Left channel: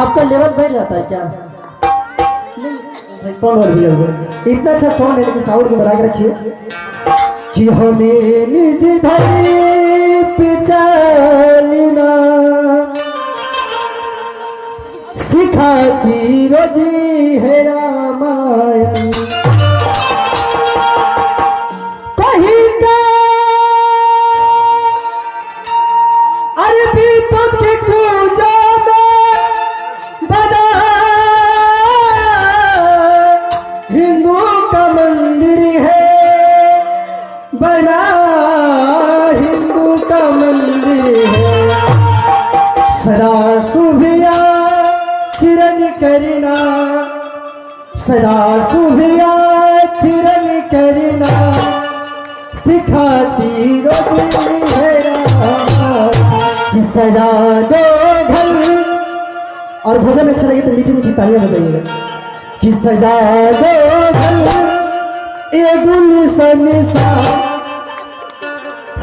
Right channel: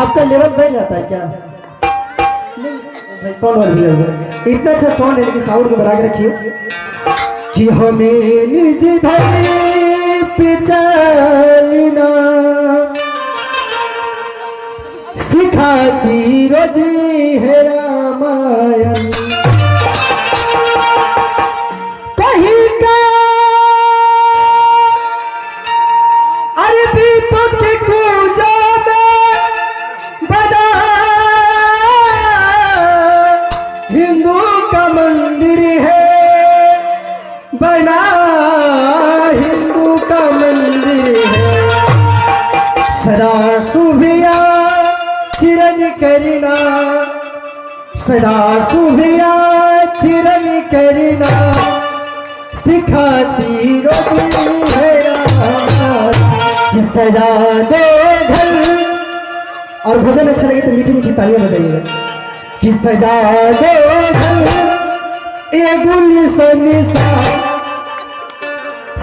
आपका लेवल बढ़ जाता है क्या? नहीं भाई साउंड वाली भी है, इतना अच्छा साउंड है लेकिन साउंड को बढ़ा के रखिए कि हमें निज धरे पिचलना सिखाती रोजी है रामायण कहीं का अरबी तो के कूजा हिंदू का मंदिर है बना, हिंदू का मंदिर है सदा सुभिया चिरन करना, सदा सुभिया चिरन करना सिखाती रोटी है सजा दो घर। और भजन अच्छा लगे तो मीठी मीठी तालियां बजाइएगा कि सजा दो ये गुलशन सा,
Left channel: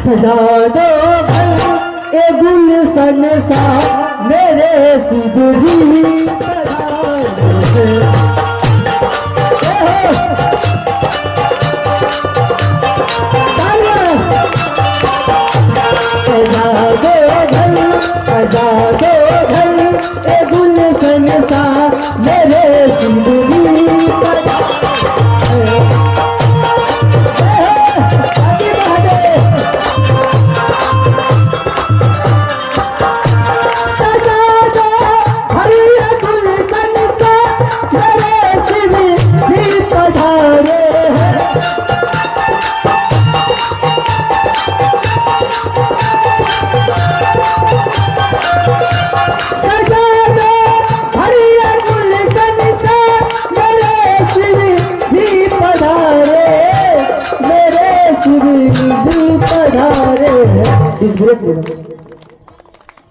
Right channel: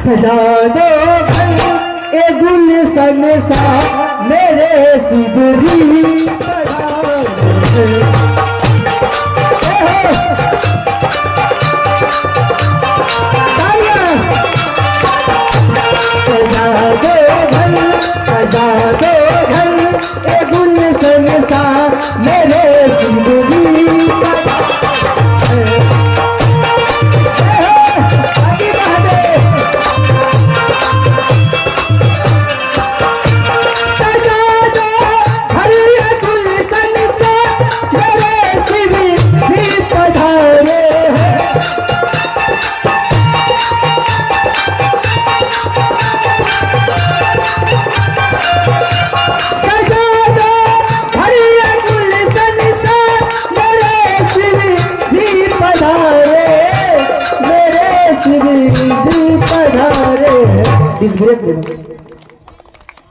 सजा दो ये गुलशन सा मेरे शिव जी सजा दो ये गुलशन सा मेरे शिव जी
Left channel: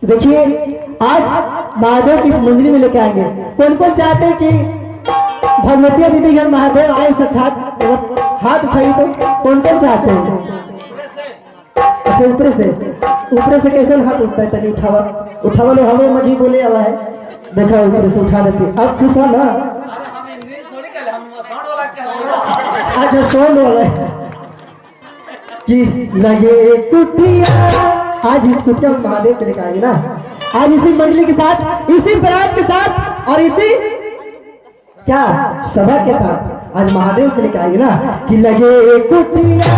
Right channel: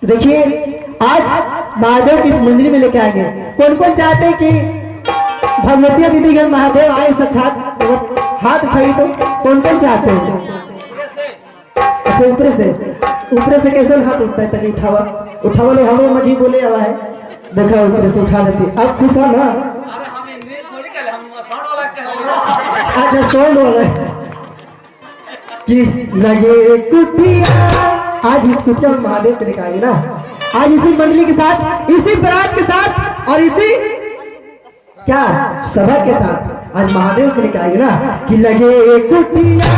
देखिए आज महादेव किस मंदिर में लेके आएंगे। कौन कौन चाहते हैं कि भगवतिया दीदीगण महादेव आए साक्षात? हाथ उठाइए तो कौन कौन चाहते हैं? अच्छा ऊपर से कैसे हाथ उठता है? तभी उठावा उठावा लो, हमें मजी बोले वाला है, देखा ऊपर से उठा देती। आप खुश हो ना? अच्छा साउंड वाला है कि लगे कुटिया, आज इस कुटिया में महादेव को लेकर आएंगे ना, आज इसी मंडली के साथ, इसी बारात के साथ और इसी क्या सभा के साथ आज महादेव को लेकर आएंगे ना कि लगे कुटिया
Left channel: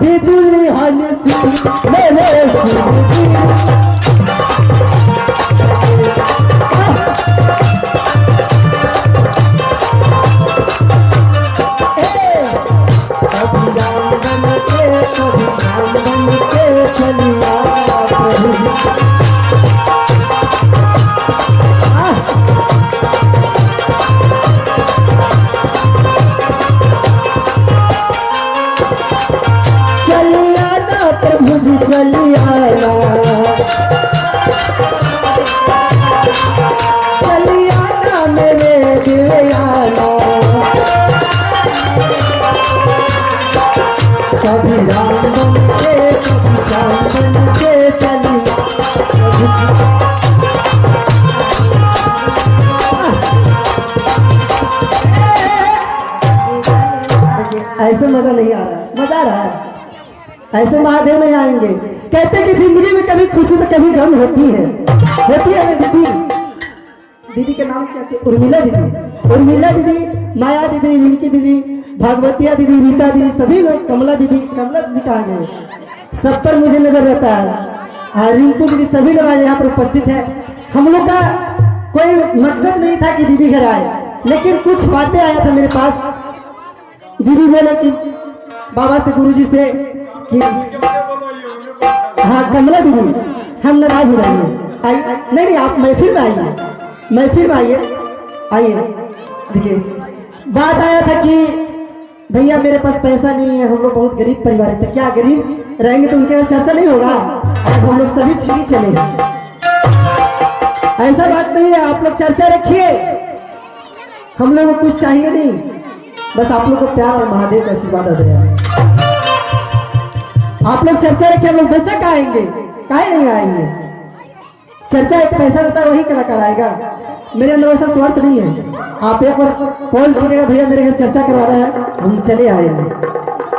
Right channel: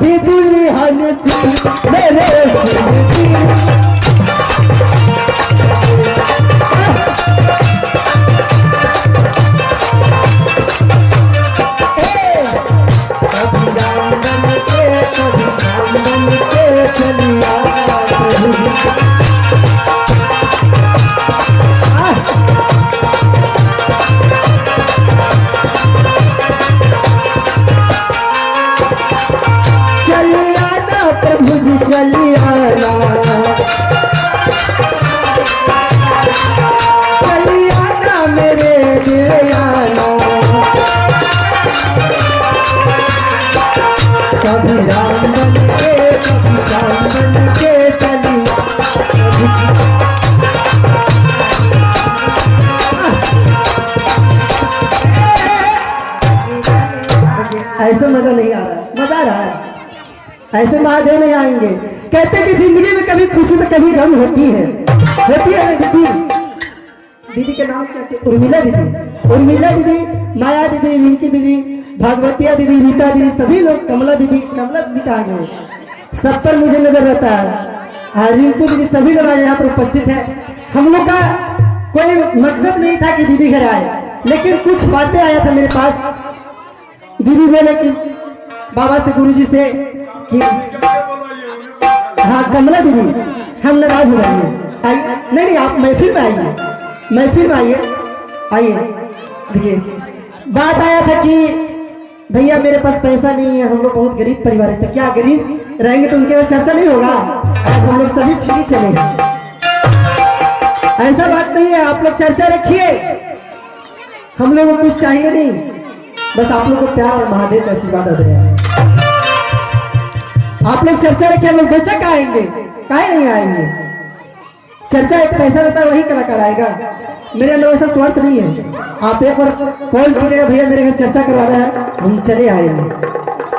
भी दुल्हन मेरे प्रभु जी चलियाना मेरे दिलयाना, कभी राम बन के कभी राम बन के चलिया। ऐसे मजा नहीं आ रहा है, मजा आ रहा है, ऐसे महादेव नहीं आएंगे। कहते कि जिंदगी में कभी खुशी तो कभी गम होती है ना दीदी। दीदी के नाम क्या है? उर्मिला दीदी, माया दीदी, रिंकी दीदी, भागवतिया दीदी, रीता दीदी, सभी लोग, कमला दीदी कहा गए, सब पर मुझे नजर रहता है। रिंकू दीदी, सभी लोग आज यहाँ पर उपस्थित है। हम लोग का कोई मकसद नहीं था कि दीदी घर आए, लेकिन कुछ बातें आया था मेरे पास। दीदी बोले कि बाबा से, गुरुजी से कि हाँ कमला दीदी हम नाराज हो जाएंगे, आइए। नहीं आप महफिल में आइए, महफिल में आइए। देखिए बात आया था कि भैया मेरे पास पैसा नहीं है, हम लोग बहुत गरीब परिवार है। क्या गरीब रहेंगे तो उनके पास चर्चा नहीं होगा, आज हम लोग सभी फ्री चलेंगे। ऐसा बात नहीं है, आप लोग चर्चा रखिए, हम लोग को कुछ चाहिए नहीं, बस आप लोग को प्यार और महादेव का आशीर्वाद दे रहे हैं। आप लोग चर्चा रखिए, हम लोग बेशक आएंगे, काहे नहीं आएंगे। चर्चा एक पैसा देता है वही कलाकार आएगा, मेरे अंदर वैसा स्वार्थ नहीं है। आप एक बार कॉल कीजिएगा, भैया मेरे घर चर्चा करवाना है, हम चले आएंगे।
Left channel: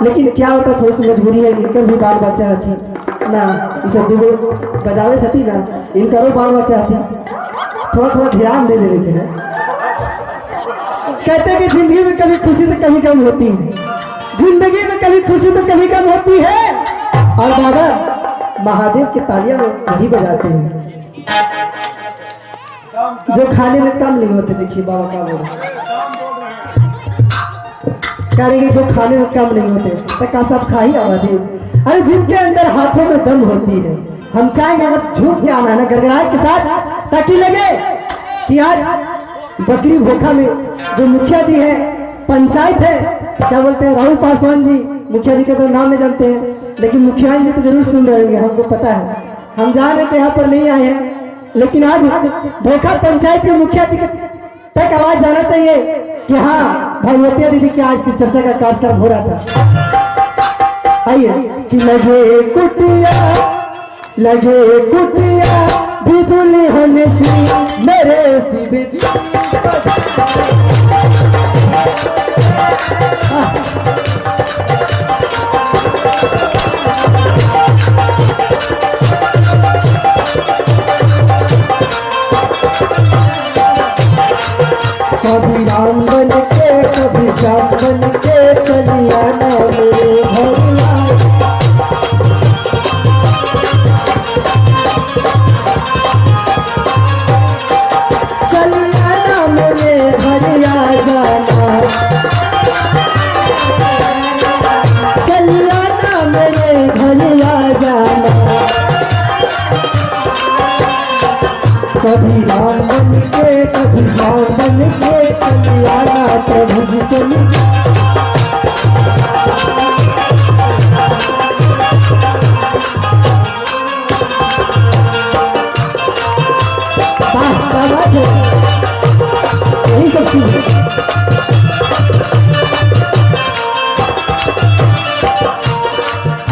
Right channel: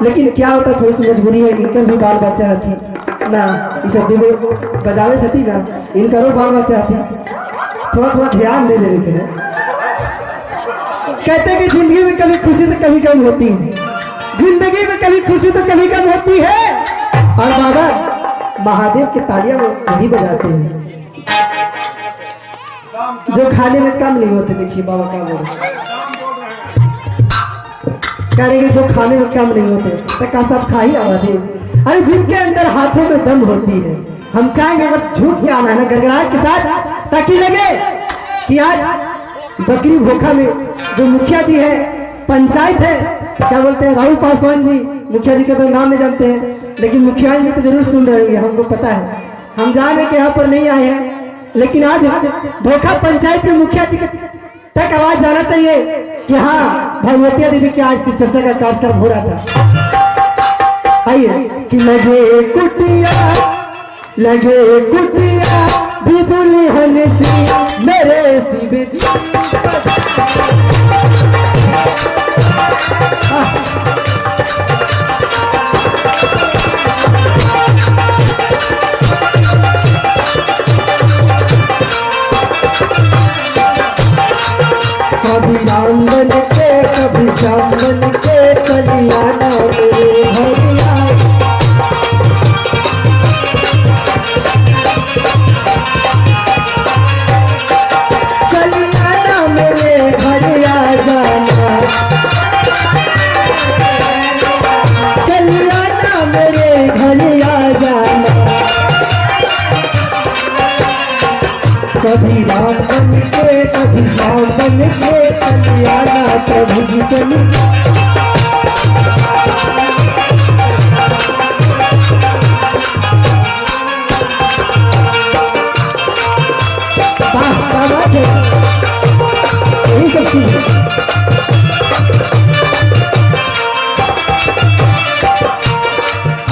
लेकिन क्या होता, थोड़ी सी मजबूरी है, इनकर भी बाल बच्चा थी ना, इसे दूगो बजावे थी ना, इनकरो बाल बच्चा थी, थोड़ा थोड़ा ध्यान दे देवे के। कहते हैं कि जिंदगी में कभी खुशी तो कभी कम होती है, जिंदगी में कभी खुशी तो कभी कम होती है। और बाबा महादेव की तालियां वही बजाते हैं जो खाने में कम नहीं होते। देखिए बाबा क्या बोल रहे हैं, जो खाने में कम नहीं होते तो सब खा ही आवाज़। अरे जिनके अंदर हाथों में दम होती है, हम चाहेंगे अगर झूठ के आना है ना गड़गड़ाहट के साथ, ताकि लगे कि आज बकरी भोखा में जो मुखिया जी है, पंचायत है, क्या बोलते हैं, राहुल पासवान जी, मुखिया जी का तो नाम नहीं जानते हैं, लेकिन मुखिया जी तो जरूर सुन रहे होंगे, हमको पता है। हम जान रहे कि यहाँ पर नहीं आए हैं, लेकिन आज भोखा पंचायत के मुखिया जी तक आवाज जाना चाहिए कि हाँ भगवतिया दीदी की आज से चर्चा का कार्यक्रम हो रहा था। आइए कि लगे कुटिया भी दुल्हन सी मेरे शिव जी। कभी राम बन के कभी श्याम बन के चली आना मेरे भैया। चली आना मेरे भैया जाना, चली आना मेरे भैया जाना। कभी राम बन के कभी श्याम बन के चली आना प्रभु जी चली। यही सब चीज है।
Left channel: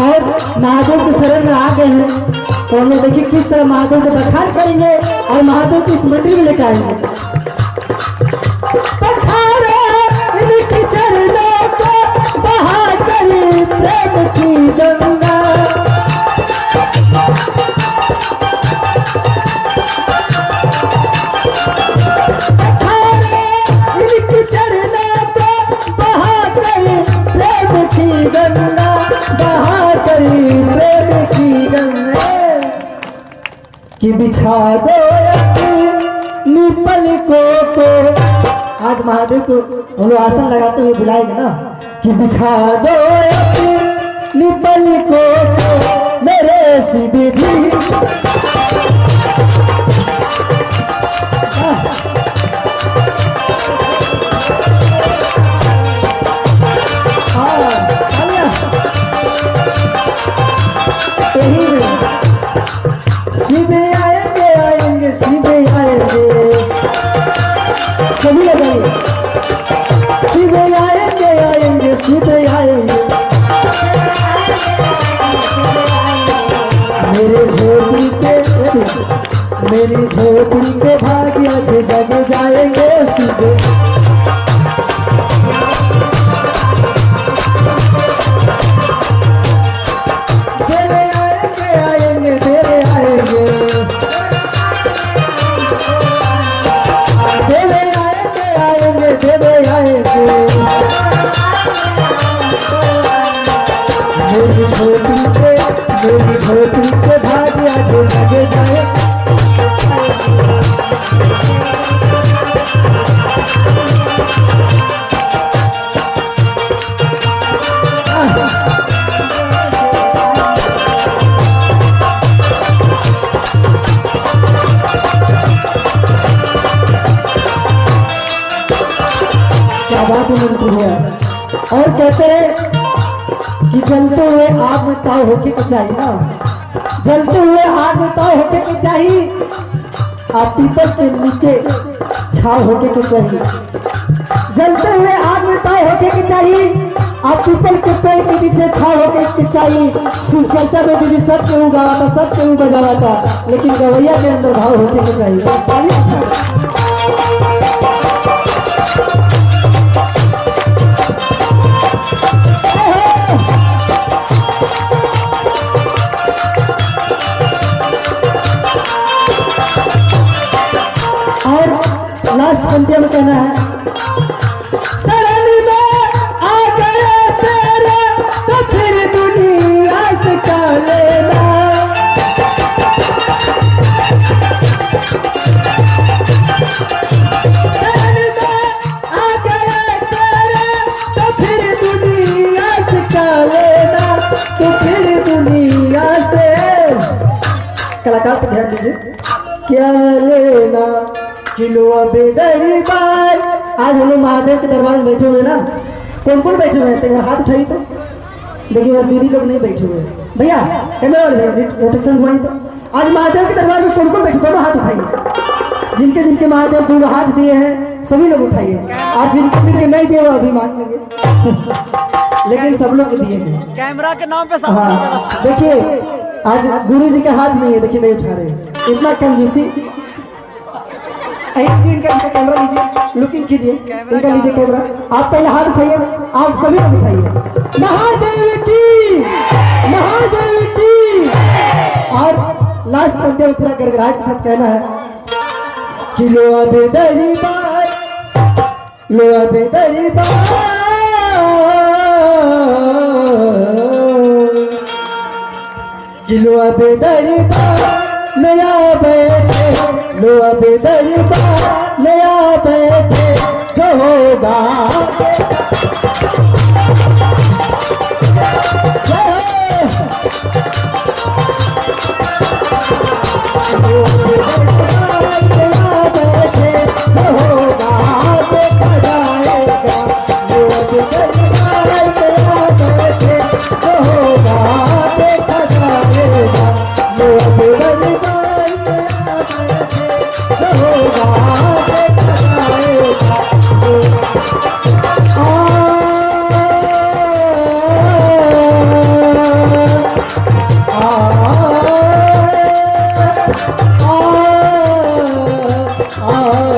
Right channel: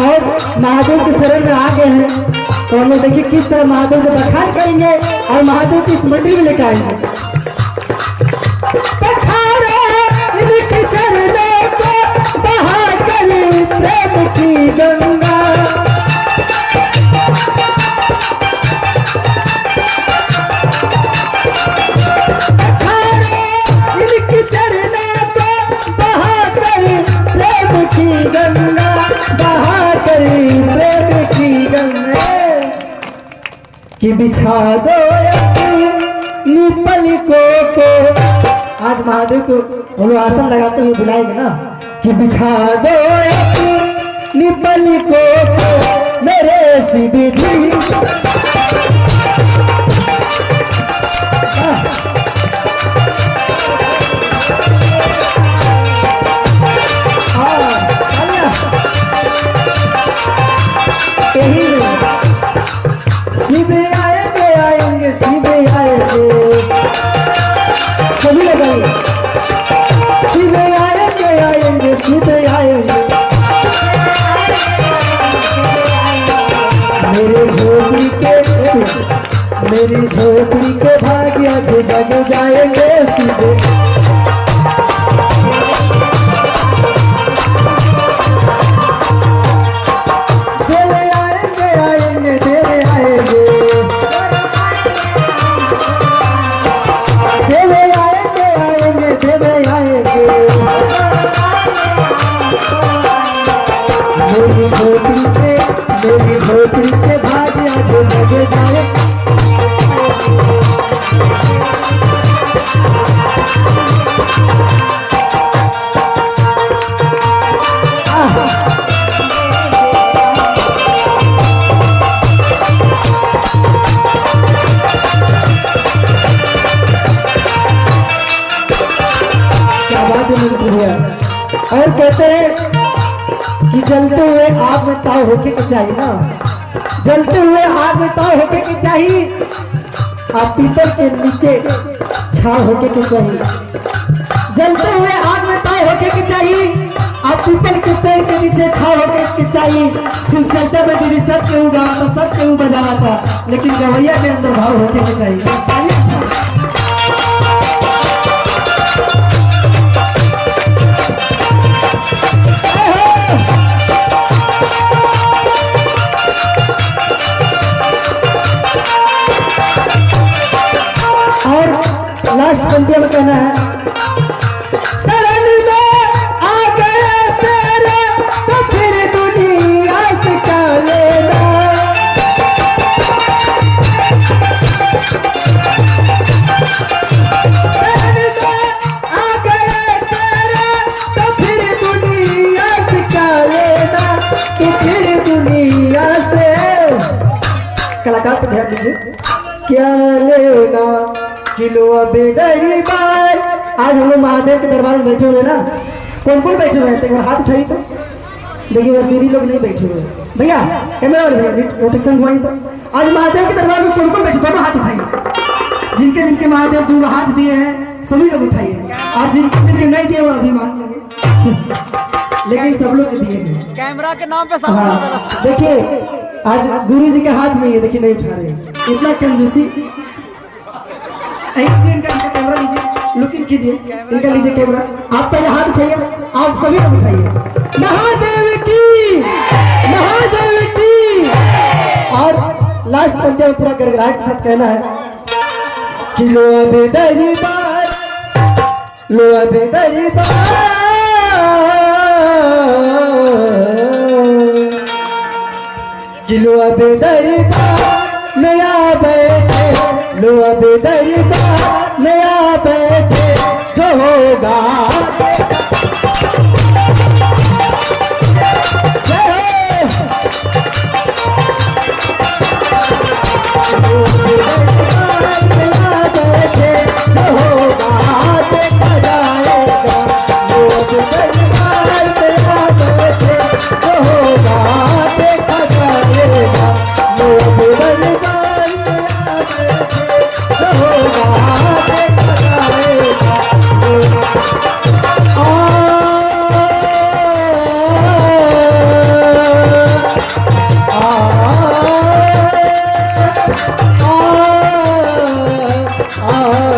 और महादेव के शरण में आ गए हैं, तो हम लोग देखिए किस तरह महादेव को बखान करेंगे और महादेव की स्मृति में लेकर आएंगे। इनके चरणों को बहा करी प्रेम की गंगा। इनके चरणों को बहा करी प्रेम की गंगा, बहा करी प्रेम की गंगा। कि बिछा दो पलकों को, आज महादेव को हम लोग आसन लगाते हुए बुलाएंगे ना, कि बिछा दो पलकों को मेरे शिव जी। शिव आएंगे आएंगे शिव आएंगे, सभी लोग आएंगे। शिव आएंगे आएंगे शिव आएंगे, मेरी झोपड़ी के भाग्य से जग जाएंगे शिव। मेरी झोपड़ी के भाग्य से जग जाए। गया। और कहते हैं कि जलते हुए आग में ताव होके के चाहिए ना, जलते हुए आग में ताव होके के चाहिए, आप पीपल के नीचे छाव होके के चाहिए। जलते हुए आग में ताव होके के चाहिए, आप पीपल के पेड़ के नीचे छाव होके के चाहिए। शिव चर्चा में दीदी सब केहू गावा था, सब केहू बजावा था, लेकिन गवैया के अंदर भाव होके के चाहिए। और लास्ट पंक्ति में कहना है, शरण में आ गए तेरे तो फिर दुनिया से क्या लेना। शरण में आ गए तेरे तो फिर दुनिया से क्या लेना, तो फिर दुनिया से। कलाकार को ध्यान दीजिए, क्या लेना किलो बेदरी बार। आज हम लोग महादेव के दरबार में बैठे हुए ना, कौन कौन बैठे हुए हैं? एक बार हाथ उठाइए तो देखिए, और दीदी लोग नहीं बैठे हुए हैं। भैया कैमरा वाले भैया रोटेशन घुमाइए तो। आज महादेव के दरबार में कौन कौन बैठे, दोनों हाथ उठाइए। जिनके जिनके महादेव दो हाथ दिए हैं सभी लोग उठाइए, और जिनके जिनके नहीं दिए वो अभी मांग लेंगे, लेकिन सब लोग दिए हैं। कैमरा के नाम पे सब हाँ, देखिए आज गुरु जी के हाथ में देखिए नहीं उठा रहे, इतना कंजूसी। इनका कैमरा लीजिए, लुकिंग कीजिए, इनका लीजिए कैमरा। आप पहले हाथ उठाइए, आप सभी लोग उठाइए। महादेव की, महादेव की। और लास्ट पंक्ति में पूरा गड़गड़ाहट के साथ कहना है कि लो अबे दरबार, लो अबे दरबार, कि लो अबे दरबार नया बैठे, लो अबे दरबार नया बैठे जो होगा। Oh